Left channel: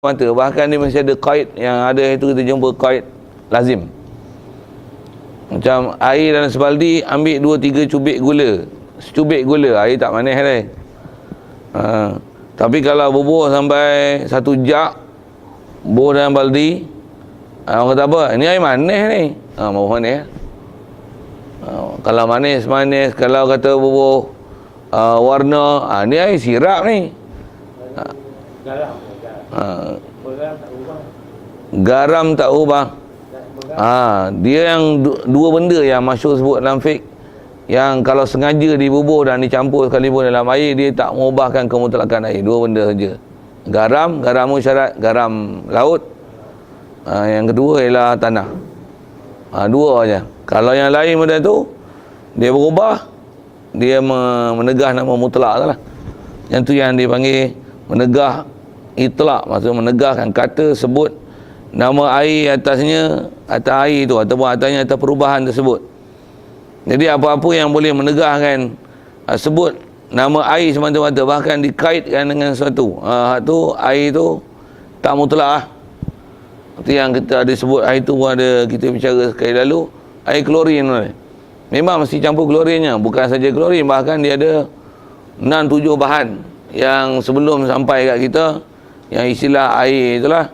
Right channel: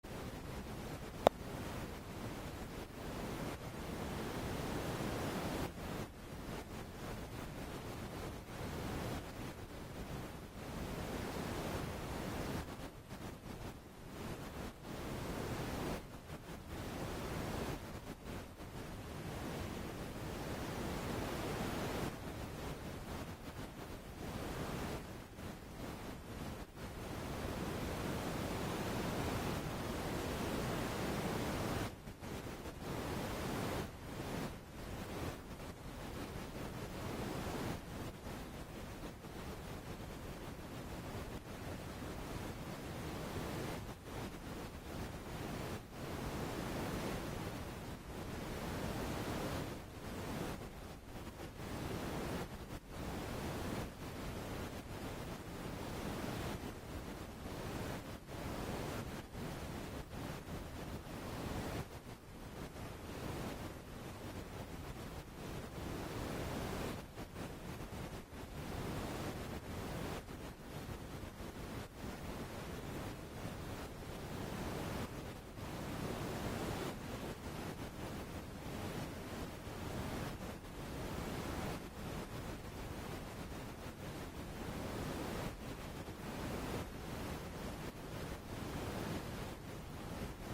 mata. Bahkan dia masih ada qaid, yang ada itu kita jumpa qaid lazim. Macam air dalam sebaldi, ambil 2-3 cubit gula. Secubit gula, air tak manis dah. Tapi kalau bubuh sampai 1 jak bubuh dalam baldi, orang kata apa? Ini air manis ni. Bubuh manis. Kalau manis, kalau kata bubuh warna, ni air sirap ni. Garam tak ubah. Dia yang dua benda yang masyhur sebut dalam fiqh, yang kalau sengaja dibubuh dan dicampur sekalipun dalam air, dia tak mengubahkan kemutlakan air. Dua benda saja. Garam syarat garam laut. Yang kedua ialah tanah. Dua aja. Kalau yang lain benda tu dia berubah, dia menegah nama mutlak lah. Yang tu yang dipanggil menegah itlaq, maksud menegahkan kata sebut nama air atasnya, atas air tu ataupun atasnya atas perubahan tersebut. Jadi apa-apa yang boleh menegahkan sebut nama air semata-mata, bahkan dikaitkan dengan sesuatu, tu air tu tak mutlak lah. Seperti yang kita ada sebut air tu pun ada kita bicara sekali lalu, air klorin ni. Memang mesti campur klorinnya, bukan saja klorin, bahkan dia ada 6-7 bahan yang sebelum sampai kat kita, yang istilah air itulah,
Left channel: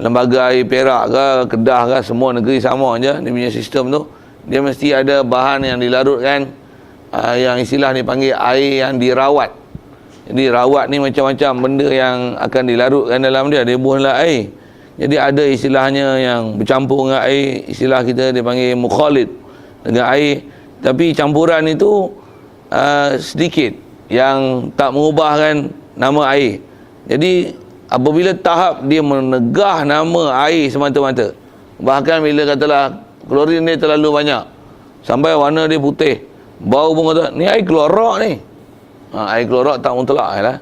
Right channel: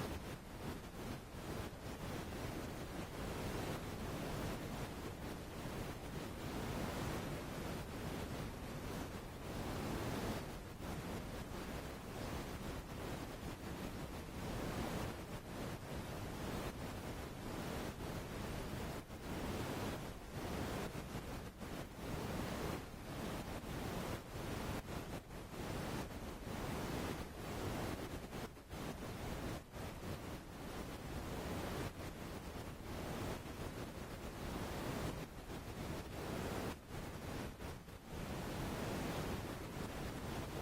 lembaga air Perak ke Kedah ke, semua negeri sama je dia punya sistem tu. Dia mesti ada bahan yang dilarutkan, yang istilah ni panggil air yang dirawat. Jadi rawat ni macam-macam benda yang akan dilarutkan dalam dia buahlah air. Jadi ada istilahnya yang bercampur dengan air, istilah kita dipanggil mukhalid dengan air, tapi campuran itu sedikit yang tak mengubahkan nama air. Jadi apabila tahap dia menegah nama air semata-mata, bahkan bila katalah klorin dia terlalu banyak sampai warna dia putih, bau pun kata ni air klorak ni, air klorak tak mutlak lah.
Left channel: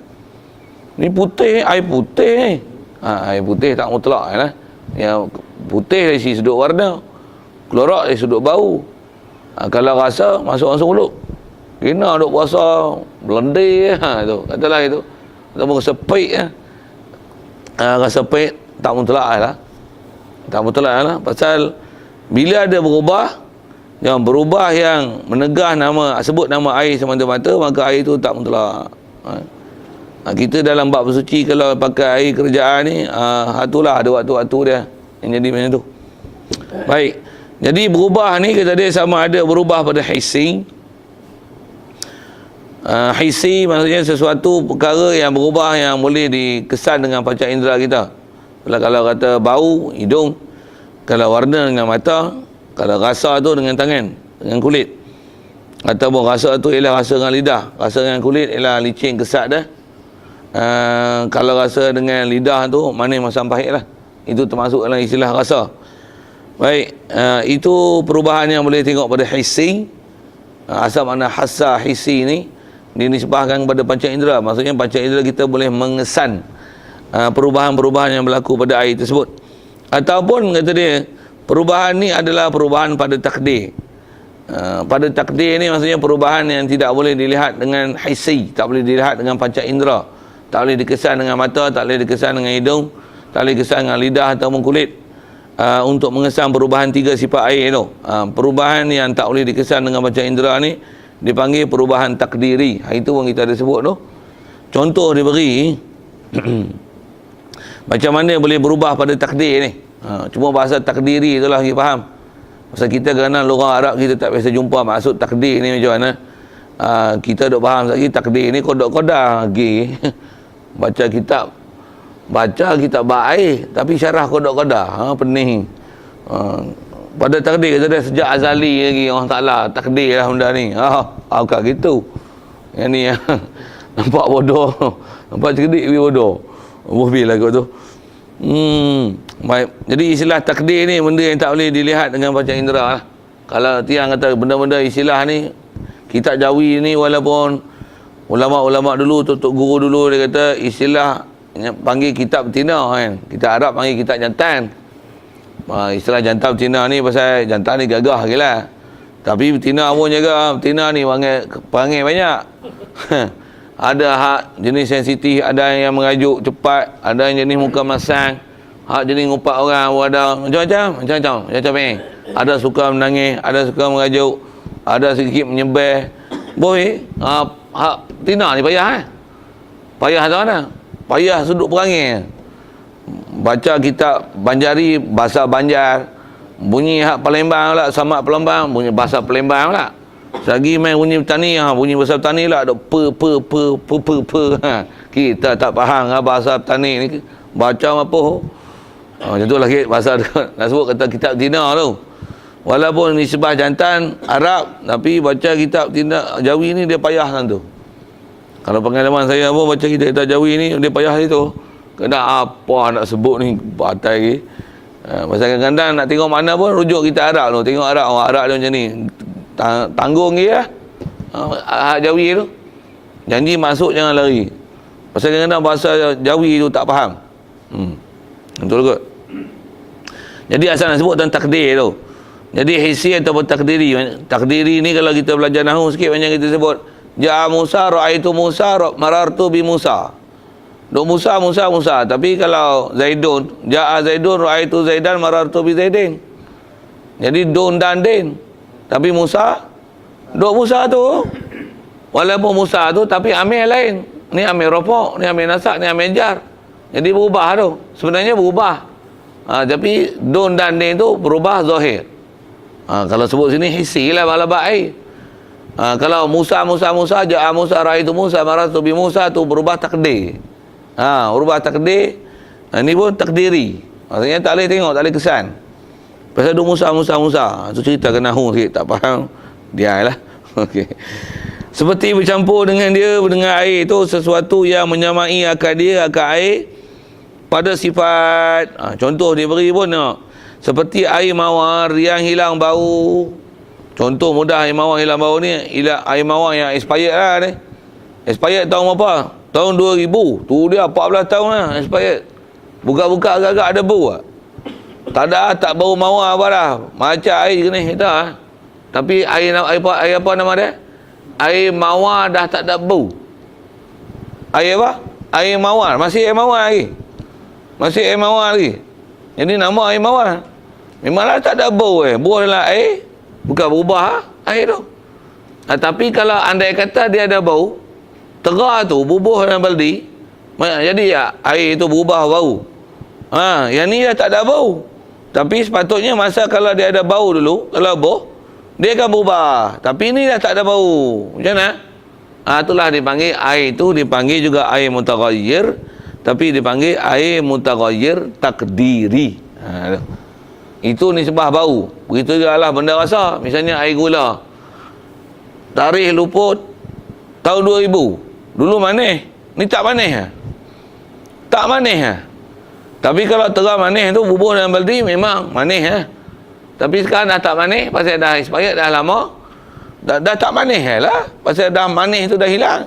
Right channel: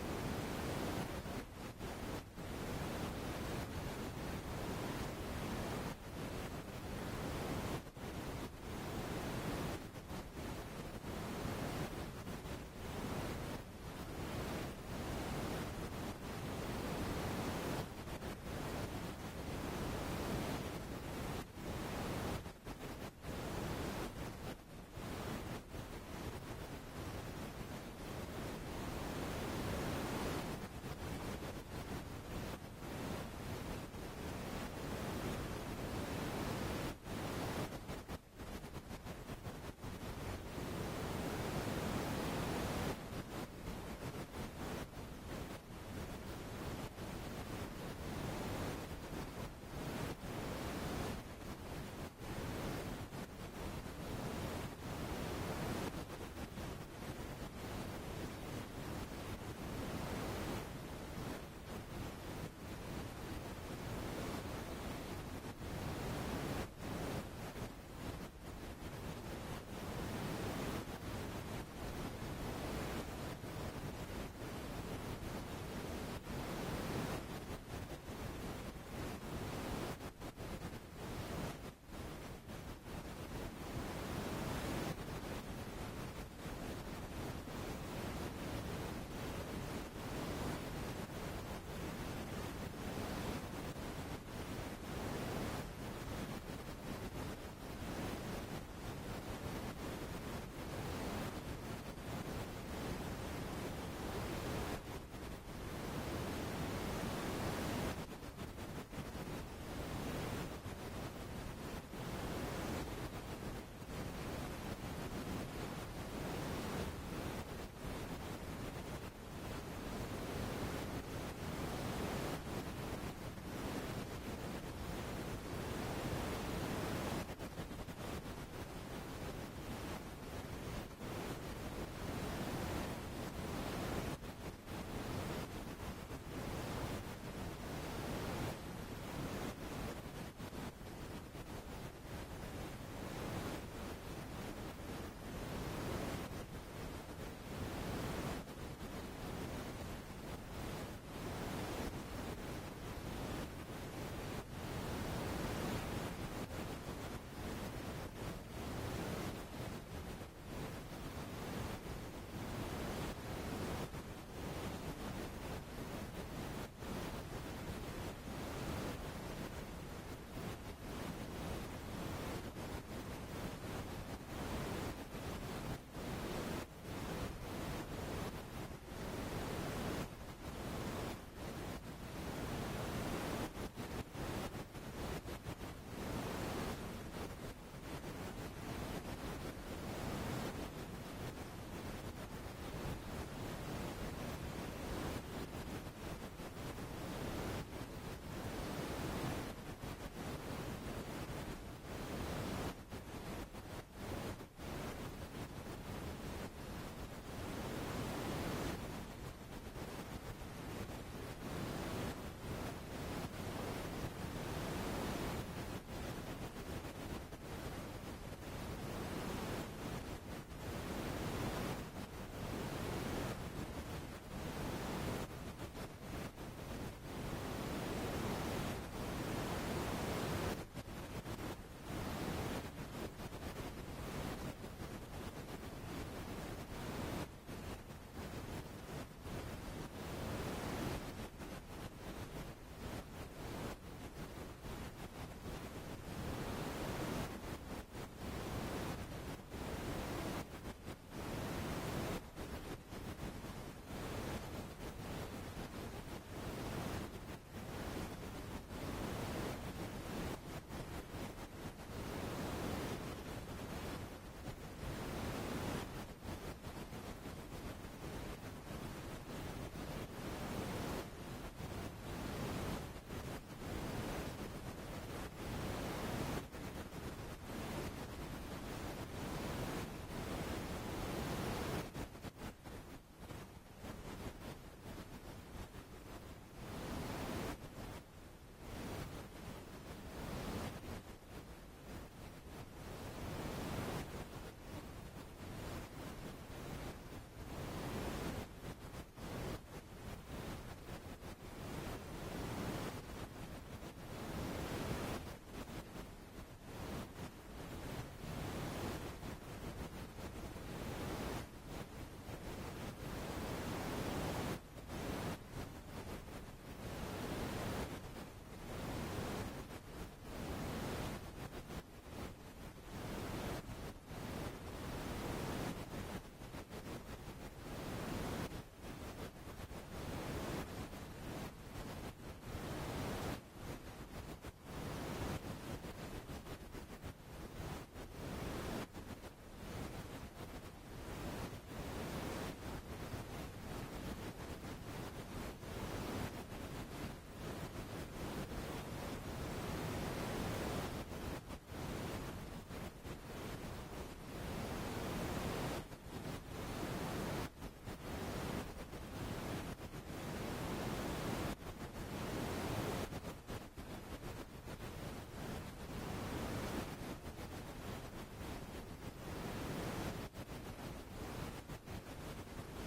Ni putih, air putih ni, air putih tak mutlak lah. Yang putih dari sudut warna, klorak dari sudut bau. Kalau rasa masuk mulut, kena duk puasa belendih tu, katalah itu, ataupun rasa pahit rasa pahit tak mutlak lah. Tak mutlak lah. Pasal bila ada berubah yang menegah nama, sebut nama air semata-mata, maka air tu tak mutlak. Kita dalam bab bersuci kalau pakai air kerajaan ni, itulah ada waktu-waktu dia yang jadi macam tu. Baik. Jadi berubah ni kata dia sama ada berubah pada hissi. Hissi maksudnya sesuatu perkara yang berubah yang boleh dikesan dengan panca indera kita. Kalau kata bau, hidung. Kalau warna dengan mata. Kalau rasa tu dengan tangan, dengan kulit. Ataupun rasa tu ialah rasa dengan lidah. Rasa dengan kulit ialah licin, kesat dah. Kalau rasa dengan lidah tu manis, masam, pahit lah. Itu termasuk dalam istilah rasa. Baik, itu perubahan yang boleh tengok pada hissi. Asal makna hassa hissi ni dinisbahkan kepada panca indera. Maksudnya panca indera kita boleh mengesan perubahan-perubahan yang berlaku pada air tersebut. Ataupun kata dia, perubahan ni adalah perubahan pada takdir. Pada takdir ni maksudnya perubahan yang tidak boleh dilihat dengan hissi, tak boleh dilihat dengan panca indera, tak boleh dikesan dengan mata, tak boleh dikesan dengan hidung, tak boleh dikesan dengan lidah ataupun kulit. Untuk mengesan perubahan 3 sifat air tu, perubahan yang tak boleh dikesan dengan panca indera ni dipanggil perubahan takdiri. Itu pun kita ada sebut tu. Contoh diberi macam mana boleh berubah pada takdir ni. Cuma bahasa takdiri itulah kita faham. Pasal kita kerana lugah Arab kita tak biasa jumpa maksud takdir ni macam mana. Kita duk faham lagi takdir ni kodok-kodah lagi. Baca kitab baik tapi syarah kodok-kodah, pening. Pada takdir kata dia sejak azali lagi orang Taala takdir lah benda ni. Bukan gitu. Yang ni nampak bodoh. Nampak cerdik tapi bodoh. Bohbil lah kot tu. Baik. Jadi istilah takdir ni benda yang tak boleh dilihat dengan panca indera lah. Kalau tiang kata benda-benda istilah ni, kitab Jawi ni walaupun ulama-ulama dulu, tok guru dulu dia kata istilah panggil kitab betina kan. Kita Arab panggil kitab jantan. Istilah jantan betina ni pasal jantan ni gagah gila. Tapi betina pun jaga, betina ni panggil banyak. Ada hak jenis sensitif, ada yang mengajuk cepat, ada yang jenis muka masang, hak jenis ngumpat orang, ada macam-macam ni. Ada suka menangis, ada suka mengajuk, ada sedikit menyembah. Boleh, hak tina ni payah Payah tu mana? Payah sudut perangai. Baca kitab Banjari, bahasa Banjar. Bunyi hak Palembang pula, Samak Palembang, bunyi bahasa Palembang pula. Selagi main bunyi bertani, bunyi bahasa bertani lah, ada kita tak faham bahasa bertani ni, baca apa. Macam tu lah bahasa nak sebut kata kitab Tina tu. Walaupun nisbah jantan Arab, tapi baca kitab Tina Jawi ni dia payah kan tu. Kalau pengalaman saya apa baca kitab Jawi ni dia payah itu. Kena apa nak sebut ni batai lagi. Pasal kadang-kadang nak tengok mana pun rujuk kitab Arab tu. Tengok Arab, orang Arab dia macam ni. Tanggung dia hak Jawi tu. Janji masuk jangan lari. Pasal kadang-kadang bahasa Jawi tu tak faham. Betul kot. Jadi asal nak sebut tentang takdir tu. Jadi hissi ataupun takdiri. Takdiri ni kalau kita belajar nahwu sikit macam kita sebut Ja'a Musa, ra'aitu Musa, marartu bi Musa. Duk Musa. Tapi kalau Zaidun, Ja'a Zaidun, ra'aitu Zaidan, marartu bi Zaidin. Jadi dun dan din. Tapi Musa, duk Musa tu. Walaupun Musa tu, tapi amil lain. Ni amil rofok, ni amil nasak, ni amil jar. Jadi berubah tu. Sebenarnya berubah. Tapi dun dan din tu berubah zahir. Kalau sebut sini hissi lah balabak air. Kalau Musa, Ja'a Musa, ra'aitu Musa, marartu bi Musa tu berubah takdir. Berubah takdir. Ini pun takdiri. Maksudnya tak boleh tengok, tak boleh kesan. Pasal duk Musa. Tu cerita ke nahwu sikit, tak faham. Dia lah. Okey. Seperti bercampur dengan dia, dengan air tu sesuatu yang menyamai akal dia, akal air pada sifat. Contoh dia beri pun seperti air mawar yang hilang bau. Contoh mudah air mawar hilang bau ni, air mawar yang expired lah ni. Expired tahun berapa? Tahun 2000. Tu dia 14 tahun lah expired. Buka-buka agak-agak ada bau lah. Tak bau mawar apa dah. Macam air jenis dah. Tapi air apa nama dia? Air mawar dah tak ada bau. Air apa? Air mawar. Masih air mawar lagi. Jadi nama air mawar. Memanglah tak ada bau Bau adalah air. Bukan berubah air tu. Tapi kalau andai kata dia ada bau, terah tu bubuh dalam baldi, jadi air itu berubah bau. Yang ni dah tak ada bau. Tapi sepatutnya masa kalau dia ada bau dulu, kalau bau, dia akan berubah. Tapi ni dah tak ada bau. Macam mana? Itulah dipanggil air itu, dipanggil juga air mutaghayyir, tapi dipanggil air mutaghayyir takdiri. Itu nisbah bau. Begitu juga lah benda rasa. Misalnya air gula. Tarikh luput tahun 2000. Dulu manis. Ni tak manis. Tak manis. Tapi kalau terang manis tu bubuh dalam baldi memang manis. Tapi sekarang dah tak manis. Pasal dah expired dah lama. Dah tak manis lah. Pasal dah manis tu dah hilang.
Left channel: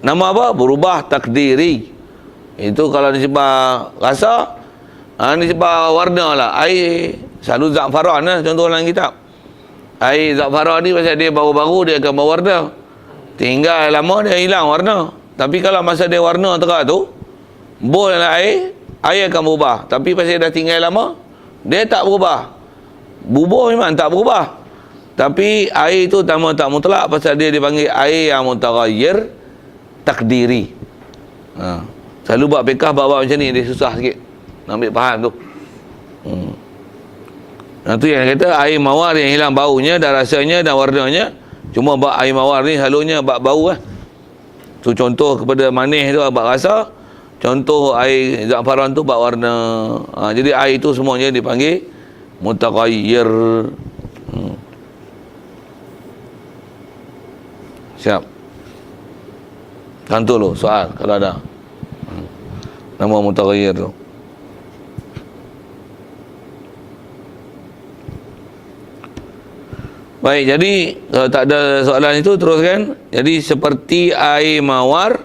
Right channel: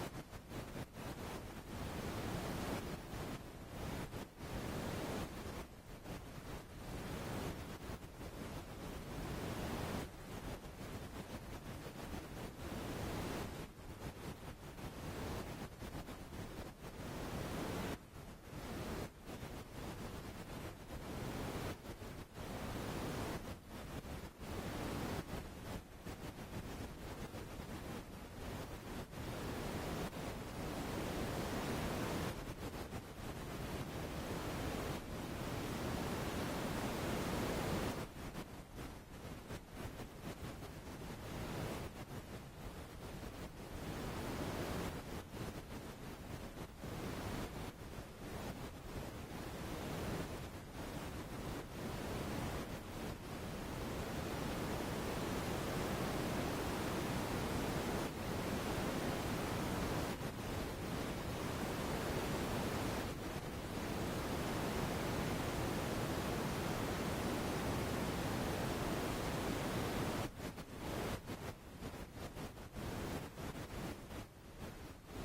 Nama apa? Berubah takdiri. Itu kalau disebab rasa. Disebab warna lah. Air selalu za'faran lah. Contoh dalam kitab. Air za'faran ni pasal dia baru-baru dia akan berwarna. Tinggal lama dia hilang warna. Tapi kalau masa dia warna terang tu, bol dalam air akan berubah. Tapi pasal dah tinggal lama, dia tak berubah. Bubuh memang tak berubah. Tapi air tu tak mutlak pasal dia dipanggil air yang mutaghayyir takdiri. Selalu buat fiqh bab macam ni, dia susah sikit nak ambil faham tu. Tu yang kata air mawar yang hilang baunya dan rasanya dan warnanya. Cuma bab air mawar ni selalunya bab bau tu contoh kepada manis tu bab rasa. Contoh air za'faran tu bab warna. Jadi air itu semuanya dipanggil mutaghayyir. Siap. Kantor lo soal kalau ada. Nama mutaghayyir tu. Baik, jadi kalau tak ada soalan itu teruskan. Jadi seperti air mawar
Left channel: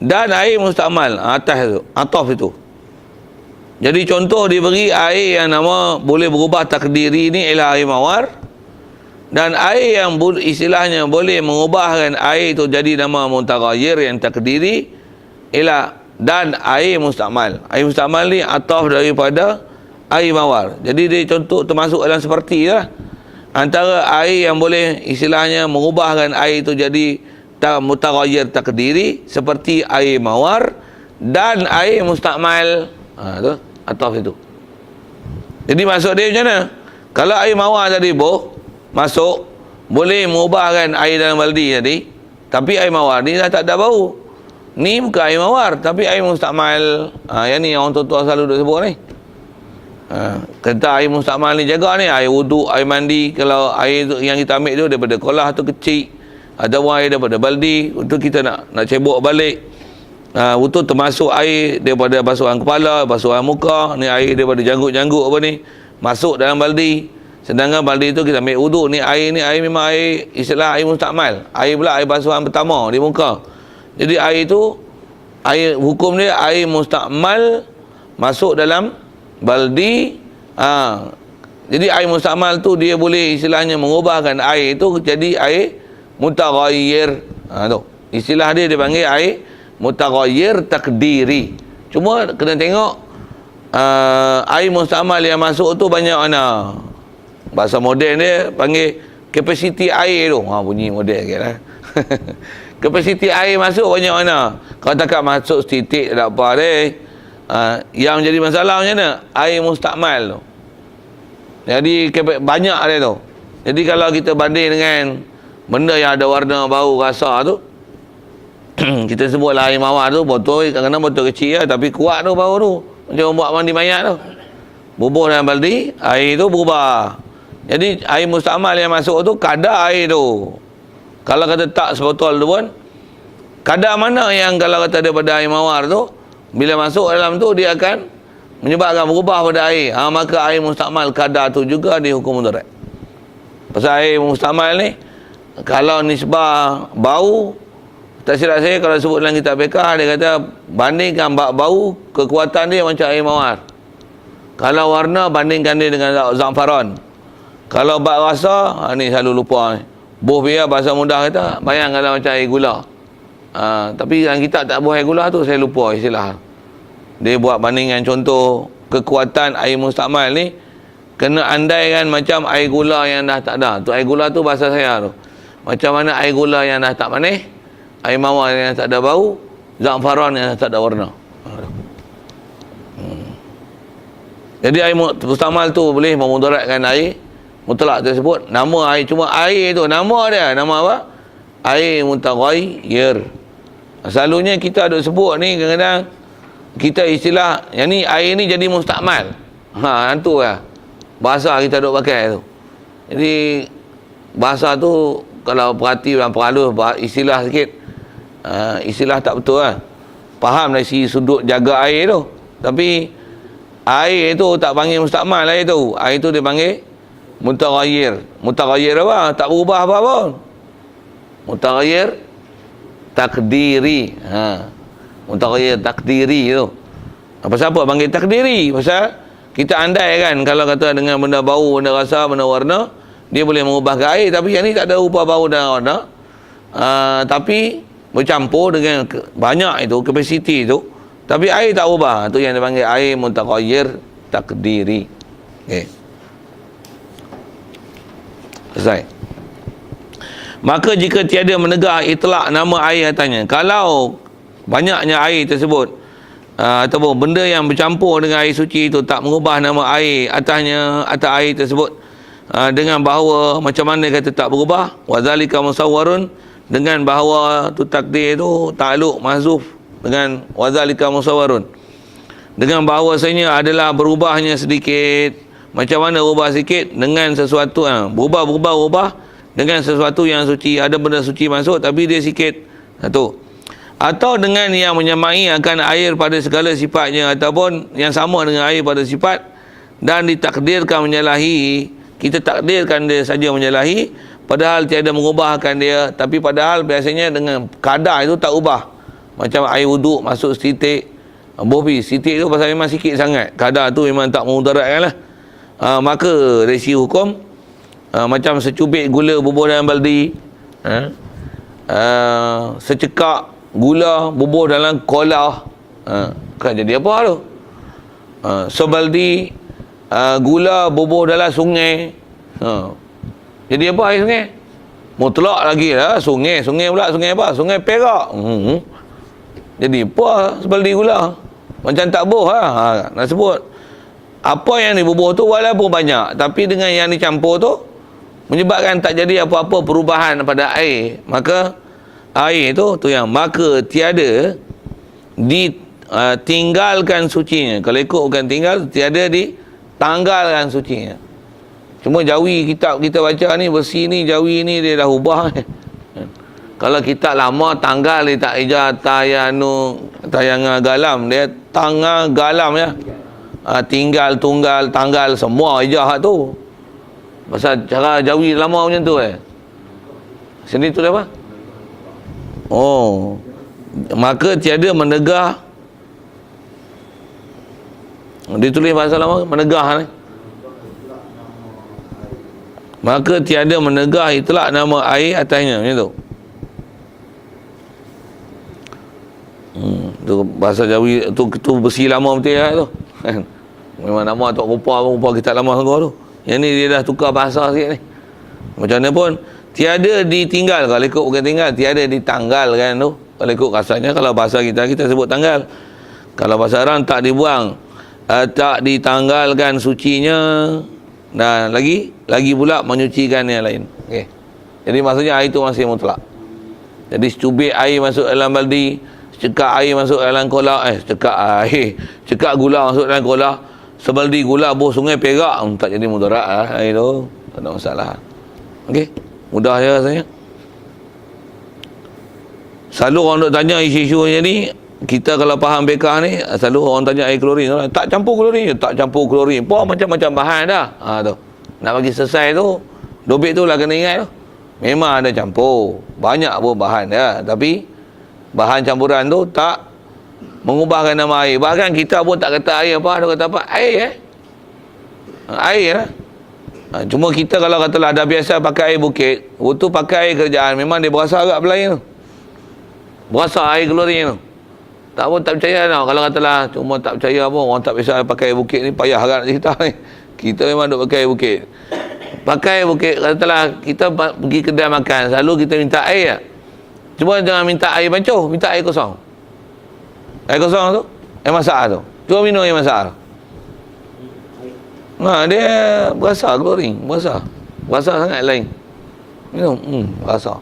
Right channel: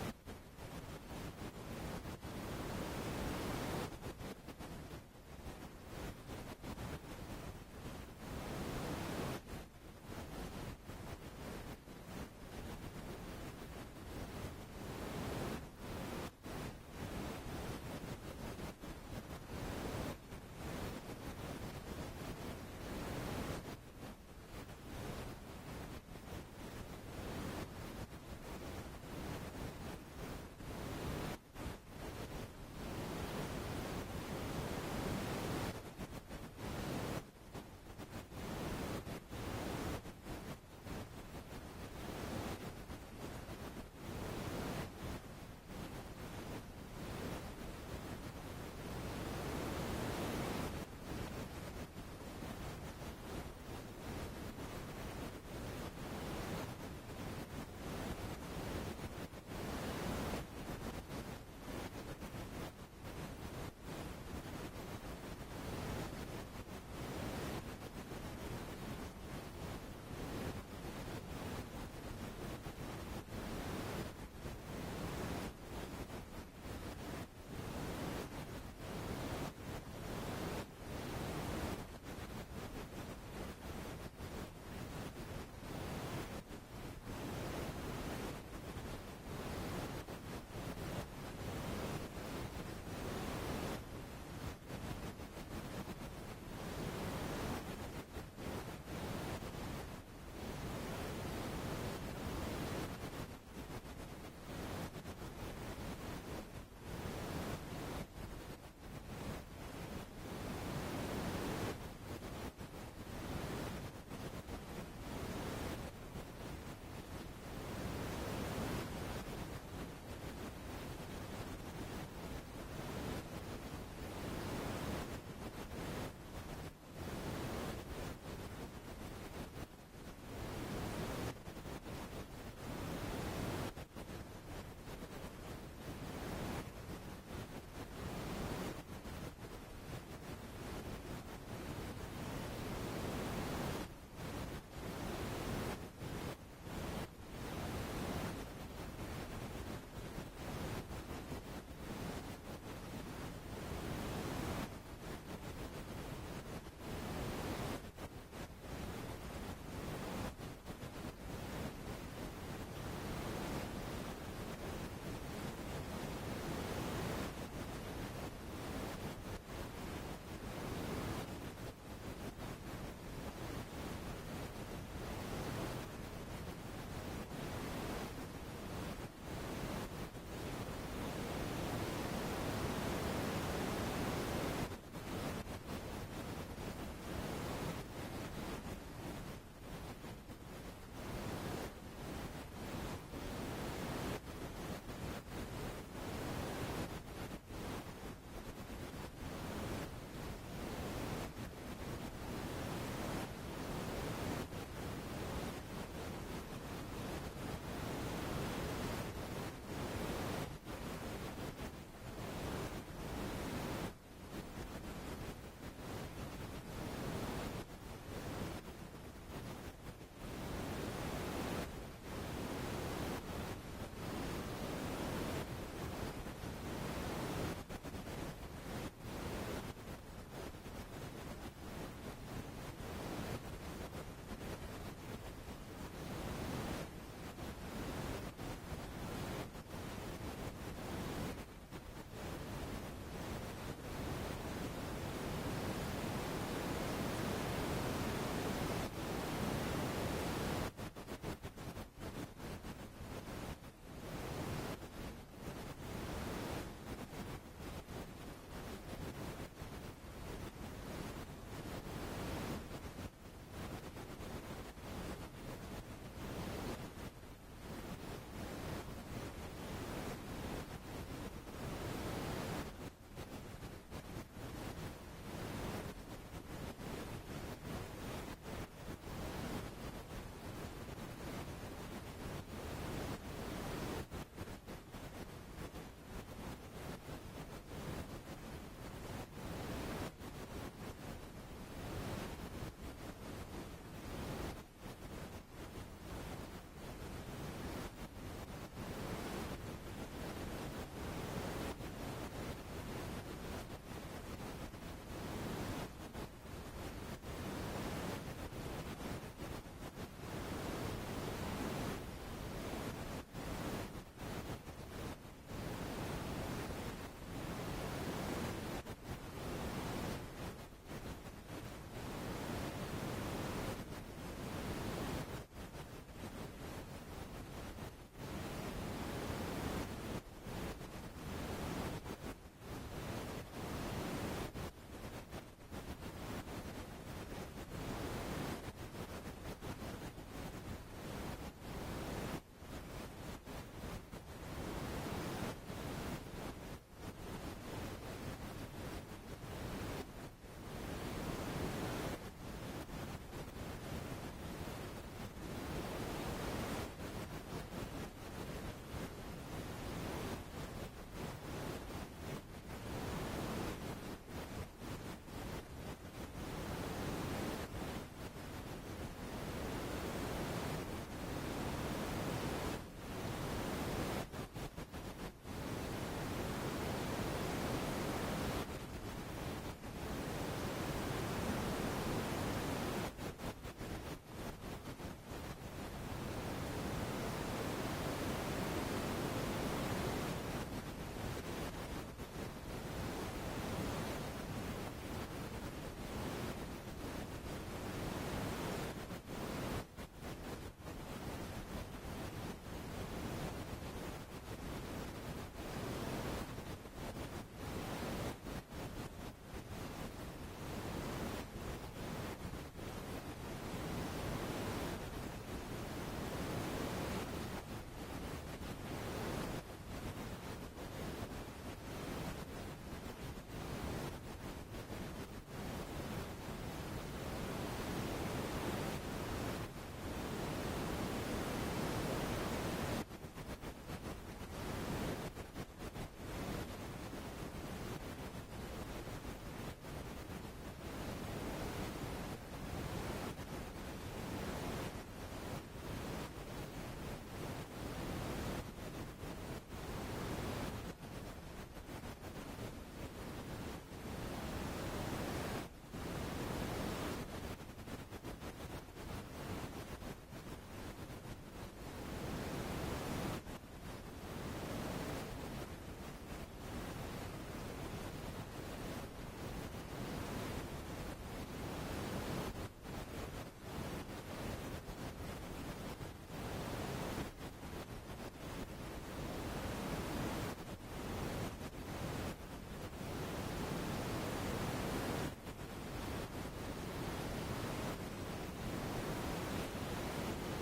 dan air mustamal atas itu, ataf itu. Jadi contoh diberi air yang nama boleh berubah takdiri ini ialah air mawar Dan air yang istilahnya boleh mengubahkan air itu jadi nama mutaghayyir yang takdiri ialah dan air mustakmal. Air mustakmal ni ataf daripada air mawar. Jadi dia contoh termasuk dalam seperti lah. Antara air yang boleh istilahnya mengubahkan air itu jadi mutaghayyir takdiri seperti air mawar dan air mustakmal. Tu ataf itu. Jadi maksud dia macam mana? Kalau air mawar tadi masuk, boleh mengubahkan air dalam baldi tadi, tapi air mawar ni dah tak ada bau. Ni bukan air mawar, tapi air mustakmal. Yang ni yang orang tua-tua selalu duk sebut ni. Kata air mustakmal ni jaga ni, air wuduk, air mandi. Kalau air tu, yang kita ambil tu daripada kolah tu kecil, ada air daripada baldi, itu kita nak cebok balik. Itu termasuk air daripada basuhan kepala, basuhan muka. Ni air daripada janggut-janggut apa ni, masuk dalam baldi. Sedangkan baldi itu kita ambil wuduk. Ni air memang air, istilah air mustakmal. Air pula air basuhan pertama di muka. Jadi air itu, hukum dia air mustakmal masuk dalam baldi. Jadi air mustakmal tu dia boleh istilahnya mengubahkan air itu jadi air mutaghayyir. Tu istilah dia panggil air mutaghayyir takdiri. Cuma kena tengok air mustakmal yang masuk tu banyak mana. Bahasa moden dia panggil kapasiti air tu. Bunyi moden sikit lah. Kapasiti air masuk banyak mana. Kalau takat masuk setitik tak apa dia. Yang jadi masalah macam mana? Air mustakmal tu. Jadi banyak dia tu. Jadi kalau kita banding dengan benda yang ada warna, bau, rasa tu, kita sebutlah air mawar tu, botol, kadang-kadang botol kecil lah, tapi kuat tu bau tu. Macam buat mandi mayat tu. Bubuh dalam baldi, air tu berubah. Jadi air mustakmal yang masuk tu kadar air tu. Kalau kata tak sebotol tu pun, kadar mana yang kalau kata daripada air mawar tu, bila masuk dalam tu dia akan menyebabkan berubah pada air. Maka air mustakmal kadar tu juga dihukum mudarat. Pasal air mustakmal ni, kalau nisbah bau, tak silap saya kalau sebut dalam kitab fiqh, dia kata bandingkan bau, kekuatan dia macam air mawar. Kalau warna, bandingkan dia dengan za'faran. Kalau bak rasa, ni selalu lupa ni. Buh biar bahasa mudah kata, bayangkanlah macam air gula. Tapi dalam kitab tak buah air gula tu, saya lupa istilah. Dia buat bandingan contoh kekuatan air mustakmal ni, kena andaikan macam air gula yang dah tak ada. Tu air gula tu bahasa saya tu. Macam mana air gula yang dah tak manis, air mawar yang tak ada bau, za'faran yang tak ada warna. Jadi air mustakmal tu boleh memudaratkan air mutlak tersebut. Nama air, cuma air tu nama dia, nama apa? Air mutaghayyir. Selalunya kita ada sebut ni, kadang-kadang kita istilah yang ni, air ni jadi mustakmal. Itu lah bahasa kita duk pakai tu. Jadi bahasa tu kalau perhati dan perhalus istilah sikit, istilah tak betul lah. Faham dari si sudut jaga air tu, tapi air tu tak panggil mustakmal. Air tu dia panggil mutaghayyir. Mutaghayyir apa? Tak berubah apa-apa. Mutaghayyir takdiri. Mutaghayyir takdiri tu. Pasal apa panggil takdiri? Pasal kita andai kan, kalau kata dengan benda bau, benda rasa, benda warna, dia boleh mengubah ke air. Tapi yang ni tak ada ubah bau dan warna, tapi bercampur dengan banyak itu, kapasiti itu, tapi air tak ubah. Itu yang dipanggil air mutaghayyir takdiri. Okay. Selesai. Maka jika tiada menegak itlak nama air atasnya, kalau banyaknya air tersebut ataupun benda yang bercampur dengan air suci itu tak mengubah nama air atasnya, atas air tersebut, dengan bahawa macam mana kata tak berubah, wazalika musawwarun, dengan bahawa tu takdir itu ta'alluq mahzuf dengan wazalika musawwarun, dengan bahawasanya adalah berubahnya sedikit. Macam mana ubah sikit? Dengan sesuatu berubah dengan sesuatu yang suci. Ada benda suci masuk tapi dia sikit. Satu. Atau dengan yang menyamai akan air pada segala sifatnya, ataupun yang sama dengan air pada sifat dan ditakdirkan menyalahi. Kita takdirkan dia saja menyalahi, padahal tiada mengubahkan dia. Tapi padahal biasanya dengan kadar itu tak ubah. Macam air wuduk masuk setitik. Bobi, setitik tu pasal memang sikit sangat. Kadar tu memang tak memudaratkan lah. Maka dari segi hukum macam secubit gula bubuh dalam baldi, secekak gula bubuh dalam kolah, kan jadi apa tu? Sebaldi gula bubuh dalam sungai, jadi apa air sungai? Mutlak lagi lah sungai pula, sungai apa? Sungai Perak. Jadi apa sebaldi gula? Macam tak boh lah. Nak sebut apa yang dibubuh tu walaupun banyak, tapi dengan yang dicampur tu menyebabkan tak jadi apa-apa perubahan pada air. Maka air tu yang maka tiada ditinggalkan sucinya. Kalau ikutkan tinggal, tiada ditanggalkan sucinya. Cuma jawi kitab kita baca ni, besi ni, jawi ni dia dah ubah. Kalau kitab lama tanggal dia tak ijah tayangan galam, dia tanggal galam ya. Tinggal, tunggal, tanggal semua ijah tu. Pasal cara jawi lama macam tu Sini tu apa? Oh. Maka tiada menegah. Dia tulis bahasa lama menegah ni. Maka tiada menegah itlak nama air atasnya, macam tu. Tu bahasa Jawi tu besi lama betul ya tu. Memang nama Tok Rupa kita lama sangat tu. Yang ni dia dah tukar bahasa sikit ni. Macam mana pun tiada ditinggal, kalau ikut bukan tinggal, tiada ditanggalkan tu. Kalau ikut rasanya, kalau bahasa kita sebut tanggal. Kalau bahasa orang tak dibuang, tak ditanggalkan sucinya, dan lagi pula menyucikan yang lain. Okey. Jadi maksudnya air itu masih mutlak. Jadi secubit air masuk dalam baldi, cekak air masuk dalam kolah, cekak gula masuk dalam kolah, sebaldi gula buh sungai Perak, tak jadi mudarat air tu, tak ada masalah. Okey, mudah je rasanya. Selalu orang duk tanya isu-isu ni, kita kalau faham bekah ni, selalu orang tanya air klorin, tak campur klorin, tak campur klorin. Macam-macam bahan dah. Tu. Nak bagi selesai tu, dobit tu lah kena ingat tu. Memang ada campur, banyak pun bahan dah, tapi bahan campuran tu tak mengubahkan nama air. Bahkan kita pun tak kata air apa, dia kata apa? Air air lah. Cuma kita kalau katalah dah biasa pakai air bukit, waktu pakai air kerjaan, memang dia berasa agak berlain tu. Berasa air klorin tu. Tak percaya tau. Kalau katalah cuma tak percaya pun, orang tak biasa pakai air bukit ni, payah agak nak cerita ni. Kita memang duk pakai air bukit. Pakai air bukit, katalah kita pergi kedai makan, selalu kita minta air. Cuma jangan minta air bancuh, minta air kosong. Air kosong tu, air masak tu. Cuba minum air masak tu. Dia berasa klorin, berasa sangat lain. Minum, berasa.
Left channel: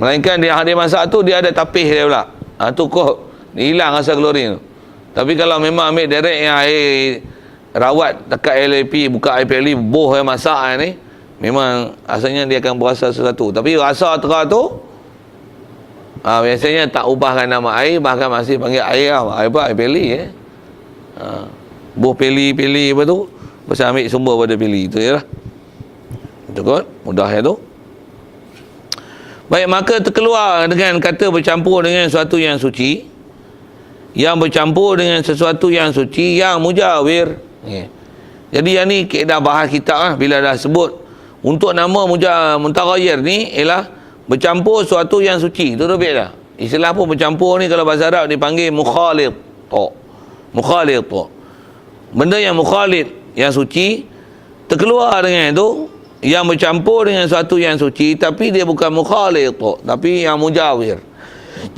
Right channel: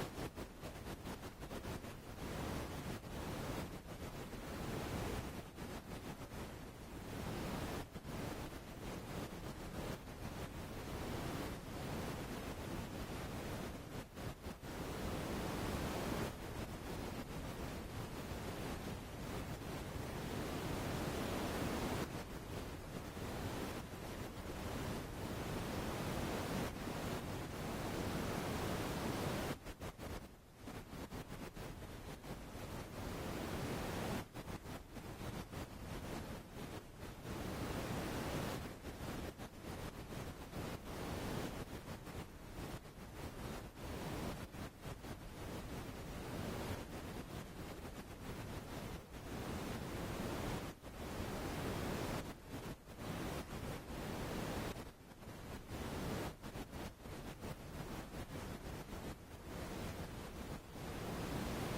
Melainkan dia masak tu, dia ada tapis dia pula. Tu kok hilang rasa klorin tu. Tapi kalau memang ambil direct yang air rawat dekat LAP, buka air PLI, boh air masak ni, memang asalnya dia akan berasa sesuatu. Tapi rasa terah tu, biasanya tak ubahkan nama air, bahkan masih panggil air air apa? Air PLI boh PLI apa tu? Pasal ambil sumber pada PLI tu je lah. Cukup, mudah ya tu. Baik, maka terkeluar dengan kata bercampur dengan sesuatu yang suci, yang bercampur dengan sesuatu yang suci, yang mujawir. Jadi yang ni dah bahas kitab lah. Bila dah sebut untuk nama mutaghayyir ni ialah bercampur sesuatu yang suci. Itu lebih dah. Istilah pun bercampur ni kalau bahasa Arab dipanggil mukhalid. Mukhalid. Benda yang mukhalid, yang suci, terkeluar dengan itu, yang bercampur dengan sesuatu yang suci, tapi dia bukan mukhalid, tapi yang mujawir.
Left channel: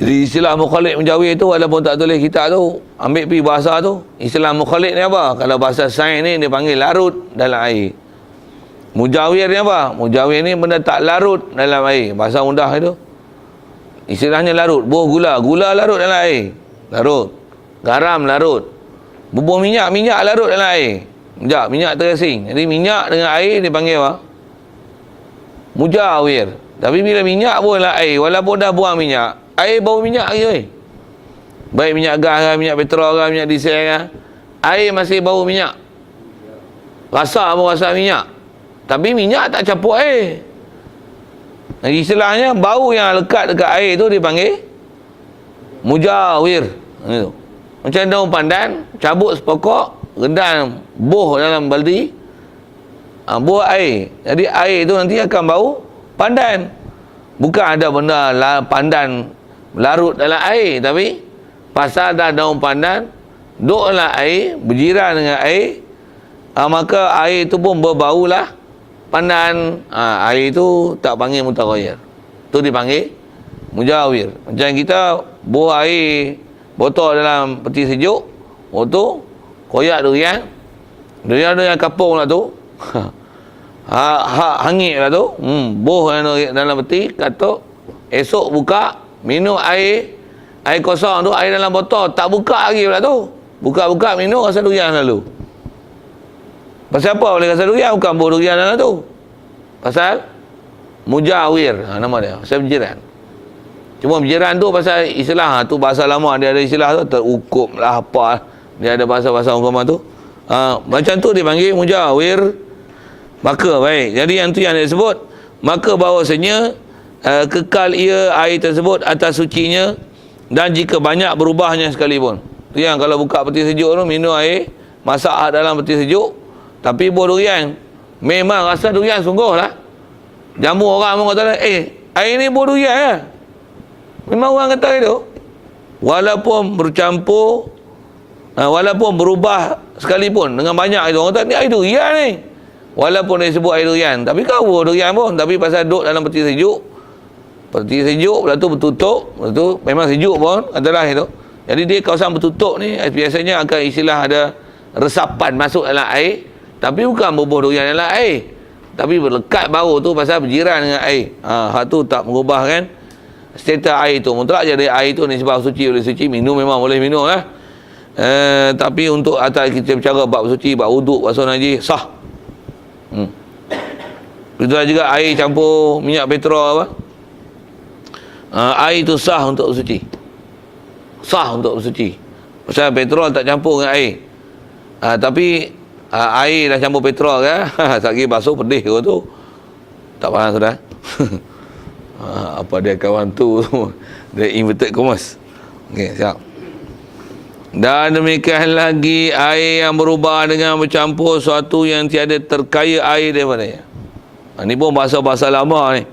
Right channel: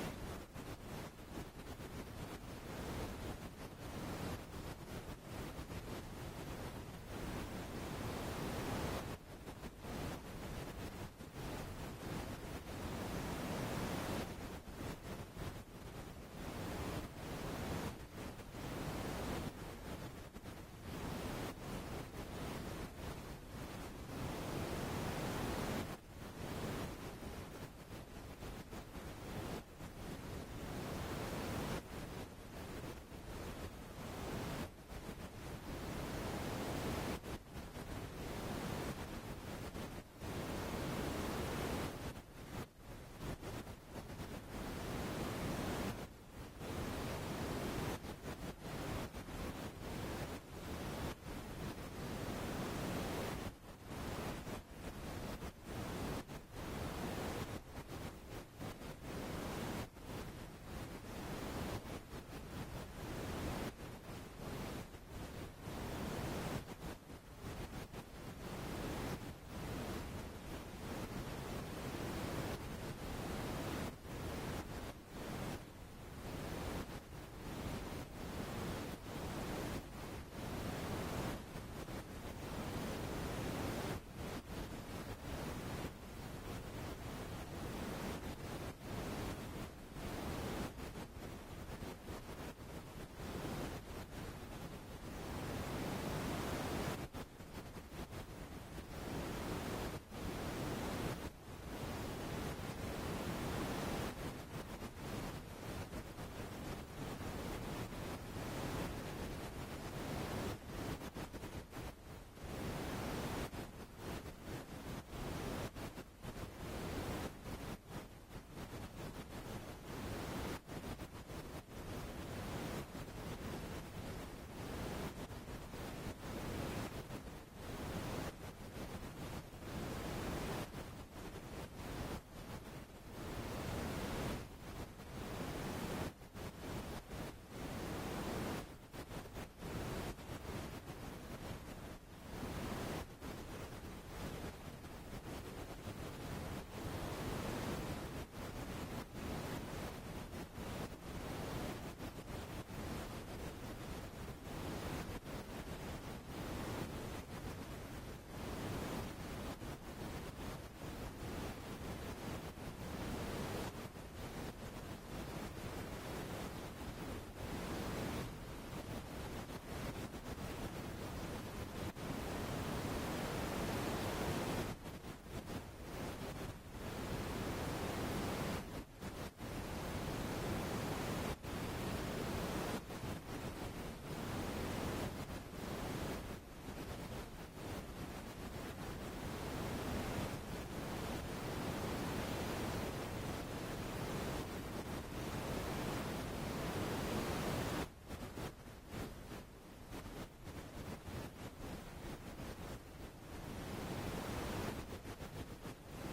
Jadi istilah mukhalid mujawir tu, walaupun tak tulis kitab tu, ambil pergi bahasa tu, istilah mukhalid ni apa? Kalau bahasa sains ni dia panggil larut dalam air. Mujawir ni apa? Mujawir ni benda tak larut dalam air. Bahasa mudah itu, istilahnya larut. Buah gula larut dalam air, larut. Garam larut. Bubuh minyak larut dalam air. Minyak terasing. Jadi minyak dengan air dipanggil apa? Mujawir. Tapi bila minyak pun dalam air, walaupun dah buang minyak, air bau minyak lagi. Baik minyak gas ke, minyak petrol ke, minyak diesel ke, air masih bau minyak. Rasa pun rasa minyak. Tapi minyak tak campur air. Jadi istilahnya bau yang lekat dekat air tu dipanggil mujawir. Itu. Macam daun pandan, cabut sepokok, rendam boh dalam baldi, buah air. Jadi air tu nanti akan bau pandan. Bukan ada benda pandan larut dalam air, tapi pasal dah daun pandan duduk dalam air, berjiran dengan air, maka air tu pun berbaulah pandan. Air tu tak panggil mutaghayyir. Tu dipanggil mujawir. Macam kita buah air botol dalam peti sejuk, tu koyak durian kapung lah tu. Hangit lah tu. Boh dalam peti, katuk. Esok buka, minum air kosong tu, air dalam botol, tak buka lagi pula tu. Buka-buka minum, rasa durian selalu. Pasal apa boleh rasa durian? Bukan buah durian dalam tu. Pasal mujawir, nama dia. Pasal berjiran. Cuma berjiran tu pasal istilah tu, bahasa lama dia ada istilah tu, terukup lah apa. Dia ada bahasa-bahasa hukuman tu. Macam tu dipanggil mujawir. Maka baik. Jadi yang tu yang dia sebut, maka bahawasanya kekal ia air tersebut atas sucinya, dan jika banyak berubahnya sekalipun. Tu yang kalau buka peti sejuk tu, minum air masak dalam peti sejuk, tapi buah durian, memang rasa durian sungguh lah. Jamu orang pun kata, air ni buah durian ya. Memang orang kata itu. Walaupun bercampur, walaupun berubah sekalipun dengan banyak itu, orang kata ni air durian ni. Walaupun dia sebut air durian, tapi kau buah durian pun, tapi pasal duduk dalam peti sejuk, lepas tu bertutup, lepas tu memang sejuk pun adalah itu. Jadi dia kawasan bertutup ni biasanya akan istilah ada resapan masuk dalam air, tapi bukan bubuh durian dalam air, tapi berlekat bau tu pasal berjiran dengan air. Hak tu tak mengubahkan status air tu. Mutlak jadi air tu ni sebab suci, boleh suci, minum memang boleh minum lah. Tapi untuk atas kita bercara bab suci, bab wuduk, basuh najis, sah. Itulah juga air campur minyak petrol apa. Air tu sah untuk bersuci. Sah untuk bersuci. Pasal petrol tak campur dengan air. Tapi air dah campur petrol kan. Sekali basuh pedih ke tu. Tak faham sudah. Apa dia kawan tu. Dia inverted commas. Okey, siap. Dan demikian lagi air yang berubah dengan bercampur suatu yang tiada terkaya air daripadanya. Ini pun bahasa-bahasa lama ni.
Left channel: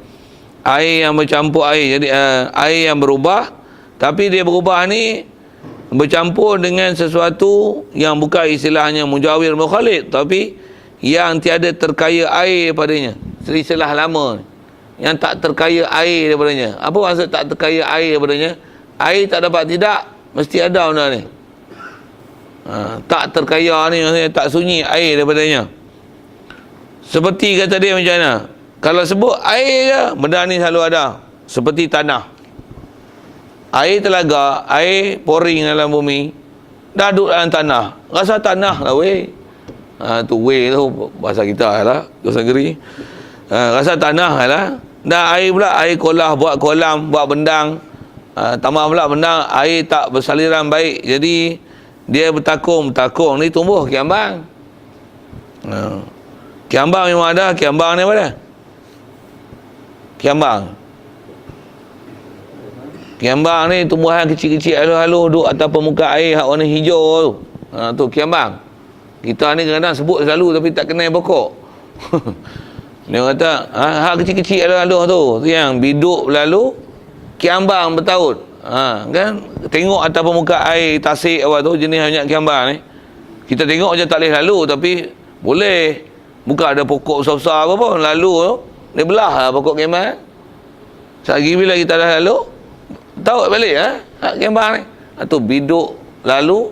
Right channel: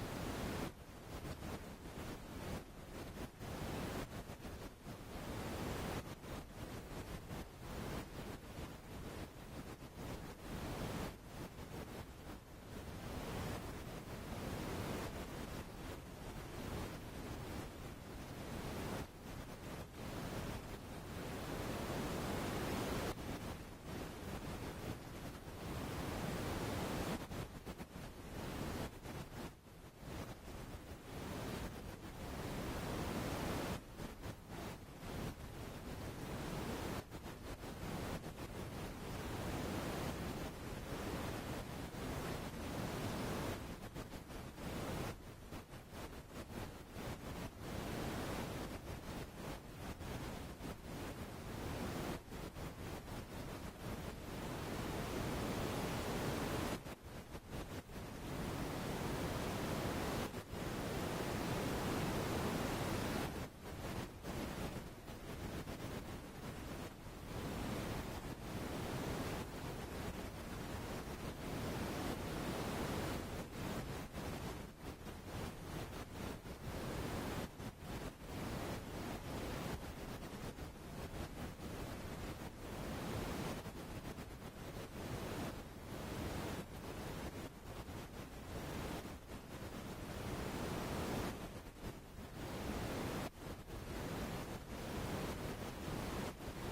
Air yang bercampur air. Jadi air yang berubah, tapi dia berubah ni bercampur dengan sesuatu yang bukan istilahnya mujawir mukhalid, tapi yang tiada terkaya air daripadanya. Istilah lama ni. Yang tak terkaya air daripadanya. Apa maksud tak terkaya air daripadanya? Air tak dapat tidak, mesti ada benda ni. Tak terkaya ni maksudnya tak sunyi air daripadanya. Seperti kata dia macam mana? Kalau sebut air je, benda ni selalu ada. Seperti tanah. Air telaga, air pouring dalam bumi, dah duduk dalam tanah. Rasa tanah lah weh. Tu weh tu bahasa kita lah, bahasa negeri. Rasa tanah lah. Dah air pula, air kolah, buat kolam, buat bendang. Tambah pula bendang, air tak bersaliran baik. Jadi dia bertakung ni tumbuh kiambang. Kiambang memang ada, kiambang ni apa dia? Kiambang ni tumbuhan kecil-kecil halus-halus duduk atas permukaan air hak warna hijau tu. Tu kiambang. Kita ni kadang-kadang sebut selalu tapi tak kenal pokok. Dia kata, hak kecil-kecil halus-halus tu yang biduk lalu kiambang bertaut. Kan tengok atas permukaan air tasik apa tu, jenis banyak kiambang ni. Kita tengok je tak boleh lalu, tapi boleh. Bukan ada pokok besar-besar apa pun, lalu tu dia belah lah pokok kiambang. Sekali bila kita dah lalu, tahu balik kiambang ni. Tu biduk lalu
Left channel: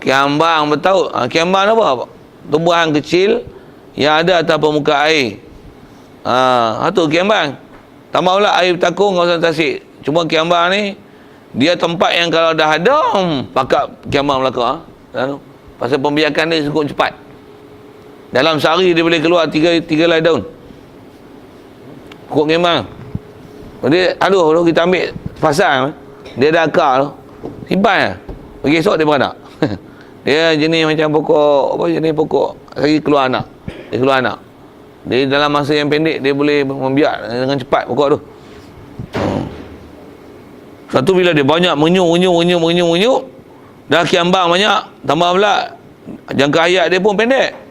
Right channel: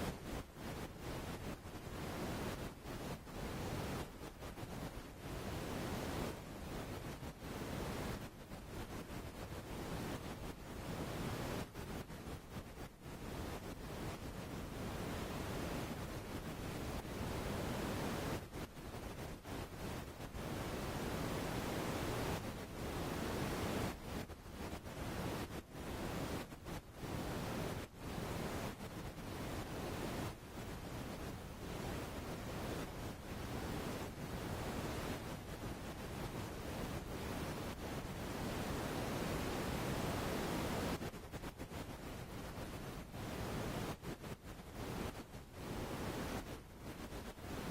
kiambang bertaut. Kiambang apa? Tumbuhan kecil yang ada atas permukaan air. Tu kiambang. Tambah pula air bertakung kawasan tasik. Cuma kiambang ni dia tempat yang kalau dah ada pakat kiambang belaka. Pasal pembiakan dia cukup cepat. Dalam sehari dia boleh keluar 3 helai daun. Pokok kiambang. Dia tu kita ambil pasang, dia dah akar tu. Simpan lah. Pagi esok dia beranak. Dia jenis macam pokok, apa jenis pokok lagi keluar anak. Dia keluar anak. Dia dalam masa yang pendek dia boleh membiak dengan cepat pokok tu. Satu bila dia banyak menyuk, dah kiambang banyak, tambah pula jangka hayat dia pun pendek.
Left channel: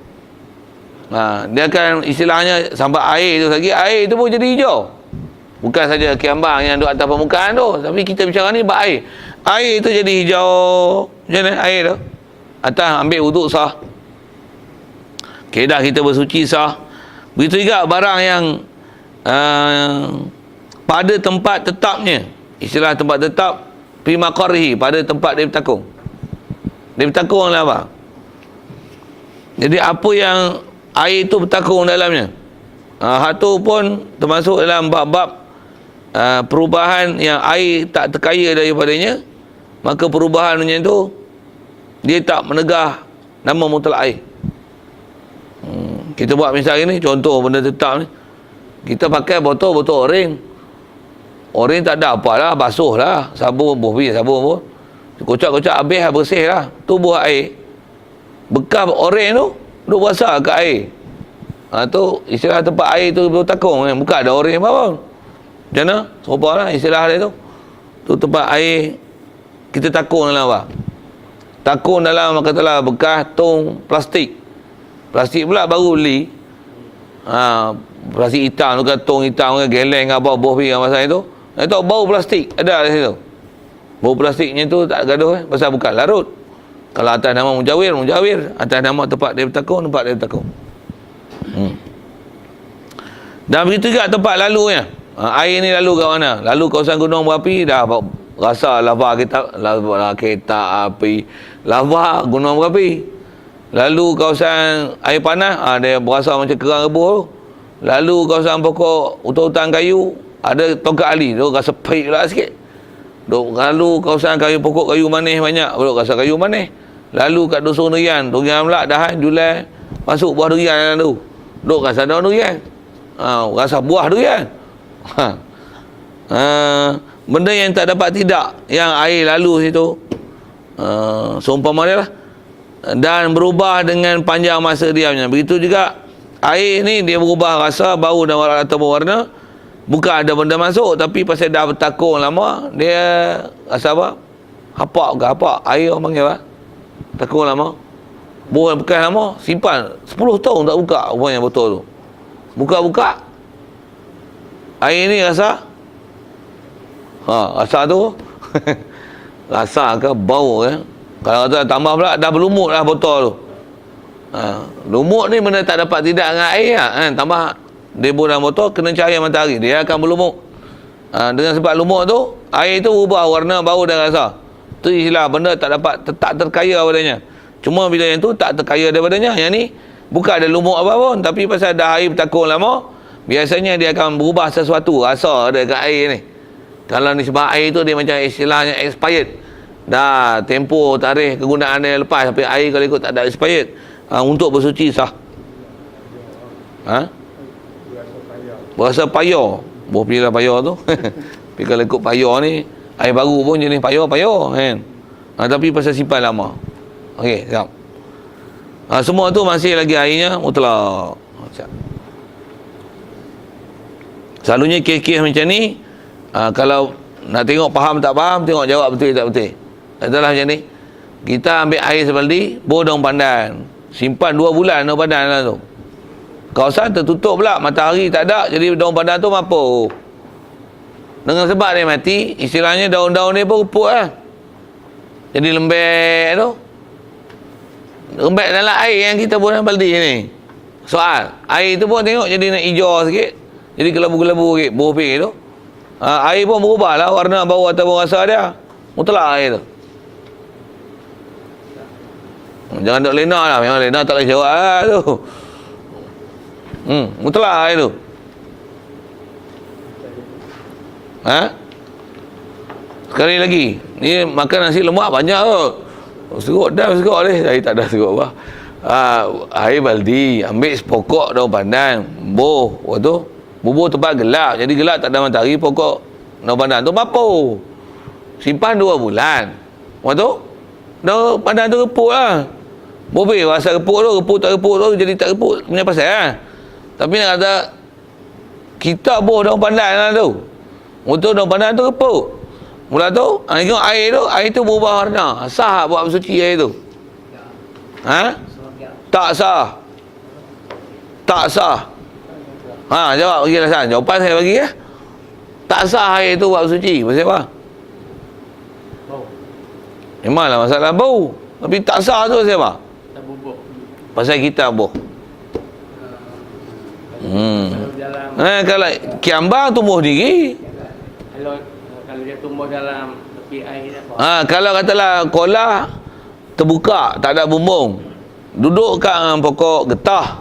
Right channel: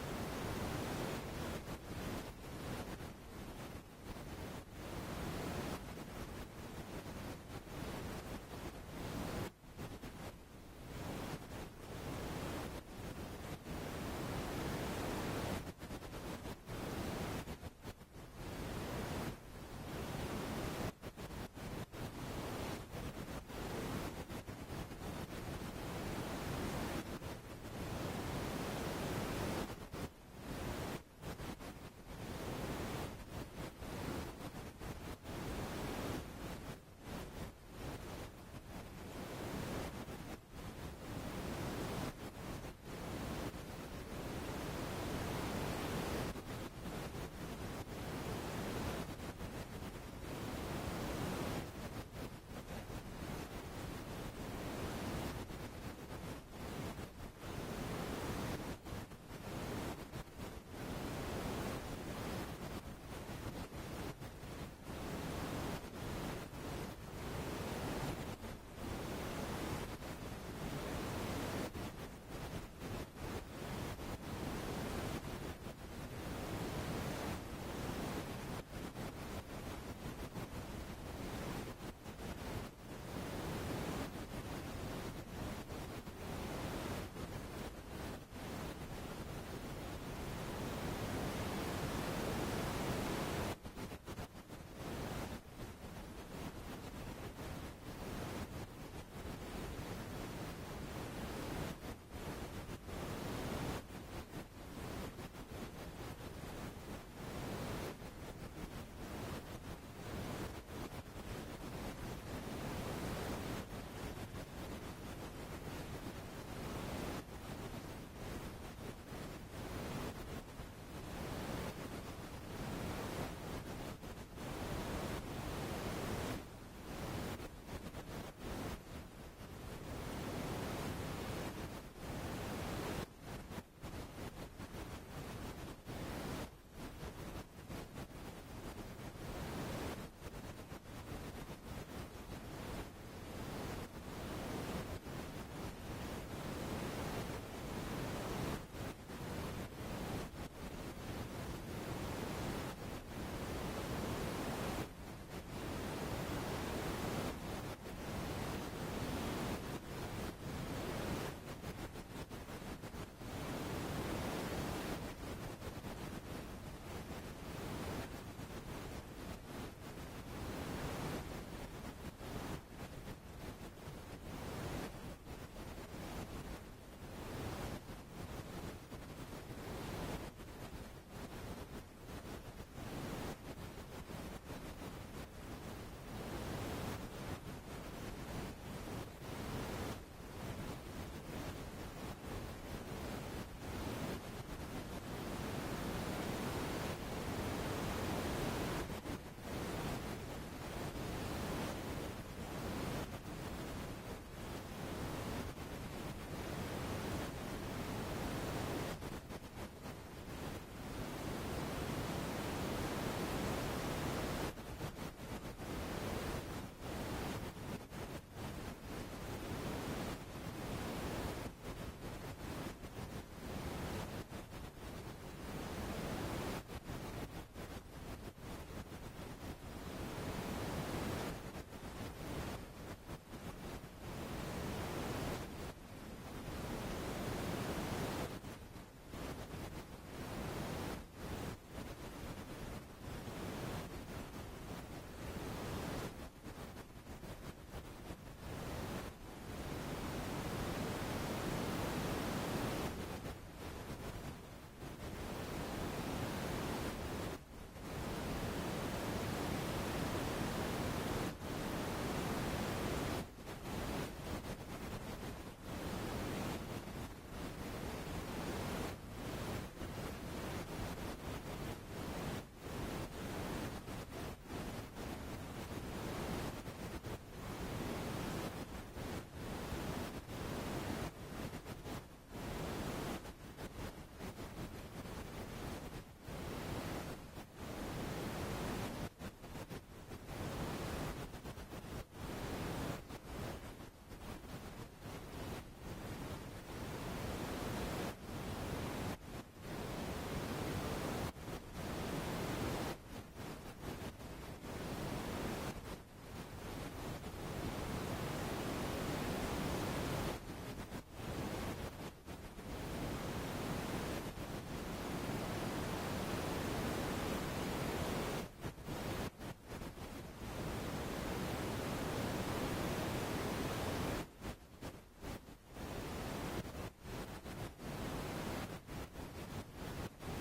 Dia akan istilahnya sampai air tu lagi, air tu pun jadi hijau. Bukan saja kiambang yang duduk atas permukaan tu, tapi kita bicara ni bak air. Air tu jadi hijau. Macam mana air tu? Atas ambil wuduk sah. Kedah kita bersuci sah. Begitu juga barang yang pada tempat tetapnya. Istilah tempat tetap fi maqarrihi, pada tempat dia bertakung. Dia bertakung lah apa? Jadi apa yang air tu bertakung dalamnya, hak tu pun termasuk dalam bab-bab perubahan yang air tak terkaya daripadanya. Maka perubahannya tu dia tak menegah nama mutlak air. Kita buat misal ni, contoh benda tetap ni, kita pakai botol oren. Oren tak ada apalah, basuh lah, sabun pun kocak-kocak habis lah, bersih lah, tu buah air. Bekas oren tu duk basah kat air, tu istilah tempat air tu bertakung kan? Bukan ada oren apa pun. Macam mana? Serupa lah istilah dia tu. Tu tempat air kita takung dalam apa? Takung dalam, katalah bekas tong plastik. Plastik pula baru beli. Plastik hitam tu kan, tong hitam kan, geleng apa, bohpi kan masa itu. Itu bau plastik ada di situ. Bau plastiknya tu tak gaduh pasal bukan larut. Kalau atas nama mujawir, atas nama tempat dia bertakung, tempat dia bertakung. Dan begitu juga tempat lalunya. Air ni lalu kat mana? Lalu kawasan gunung berapi, dah rasa lava kereta api, lava gunung berapi. Lalu kawasan air panas, dia berasa macam kerang rebus. Lalu kawasan pokok hutan-hutan kayu, ada tongkat ali, tu rasa pahit pula sikit. Lalu kawasan kayu, pokok kayu manis banyak, rasa kayu manis. Lalu kat dusun durian pula dahan Julai masuk buah durian dalam tu. Duk rasa daun durian. Rasa buah durian. Benda yang tak dapat tidak, yang air lalu situ, seumpama dia lah, dan berubah dengan panjang masa diamnya. Begitu juga air ni, dia berubah rasa, bau dan warna atau warna. Bukan ada benda masuk, tapi pasal dah bertakung lama, dia rasa apa? Hapak ke hapak? Air orang panggil apa? Takung lama. Buah bekas lama, simpan 10 tahun tak buka rupanya botol tu. Buka-buka, air ni rasa, rasa tu rasa ke bau ke? Kalau kata tambah pula, dah berlumut lah botol tu. Lumut ni benda tak dapat tidak dengan air lah, kan? Tambah debu dalam botol, kena cahaya matahari, dia akan berlumut. Dengan sebab lumut tu, air tu ubah warna, bau dan rasa. Tu istilah benda tak dapat, tak terkaya padanya. Cuma bila yang tu tak terkaya daripadanya, yang ni bukan ada lumut apa pun, tapi pasal dah air bertakung lama, biasanya dia akan berubah sesuatu, rasa ada kat air ni. Kalau ni sebab air tu dia macam istilahnya expired. Dah tempoh tarikh kegunaan dia lepas, tapi air kalau ikut tak ada expired, untuk bersuci sah. Berasa payah. Boh pilih payah tu. Tapi kalau ikut payah ni, air baru pun jenis payah kan. Tapi pasal simpan lama. Okey, siap. Semua tu masih lagi airnya mutlak. Selalunya kes-kes macam ni, kalau nak tengok faham tak faham, tengok jawab betul tak betul. Adalah macam ni. Kita ambil air sebaldi, bor daun pandan. Simpan 2 bulan daun pandan lah tu. Kawasan tertutup pula, matahari tak ada, jadi daun pandan tu mampu. Dengan sebab dia mati, istilahnya daun-daun ni pun reput lah. Jadi lembek tu. Lembek dalam air yang kita buat dalam baldi ni. Soal, air tu pun tengok jadi nak hijau sikit. Jadi kelabu-kelabu sikit, bau pink tu. Air pun berubah lah warna, bau ataupun rasa dia. Mutlak air tu. Jangan duk lena lah, memang lena tak boleh jawab lah tu. Mutlak air tu. Sekali lagi, ni makan nasi lemak banyak tu. Serut dah, serut ni. Saya tak ada serut apa. Air baldi, ambil sepokok daun pandan, bubuh. Waktu tu, bubuh tempat gelap. Jadi gelap tak ada matahari, pokok daun pandan tu mampu. Simpan 2 bulan. Waktu tu, daun pandan tu reput lah. Bobek rasa reput tak reput tu, jadi tak reput punya pasal lah. Tapi nak kata, kita buh daun pandan lah tu. Waktu daun pandan tu reput. Mula tu, tengok air tu berubah warna. Sah buat bersuci air tu? Tak sah. Tak sah. Jawab bagi alasan. Jawapan saya bagi ya. Tak sah air tu buat suci. Pasal apa? Memanglah masalah bau. Tapi tak sah tu pasal apa? Pasal kita buh. Kalau kiambang tumbuh diri. Kalau dia tumbuh dalam tepi air apa? Kalau katalah kolah terbuka, tak ada bumbung. Duduk kat pokok getah.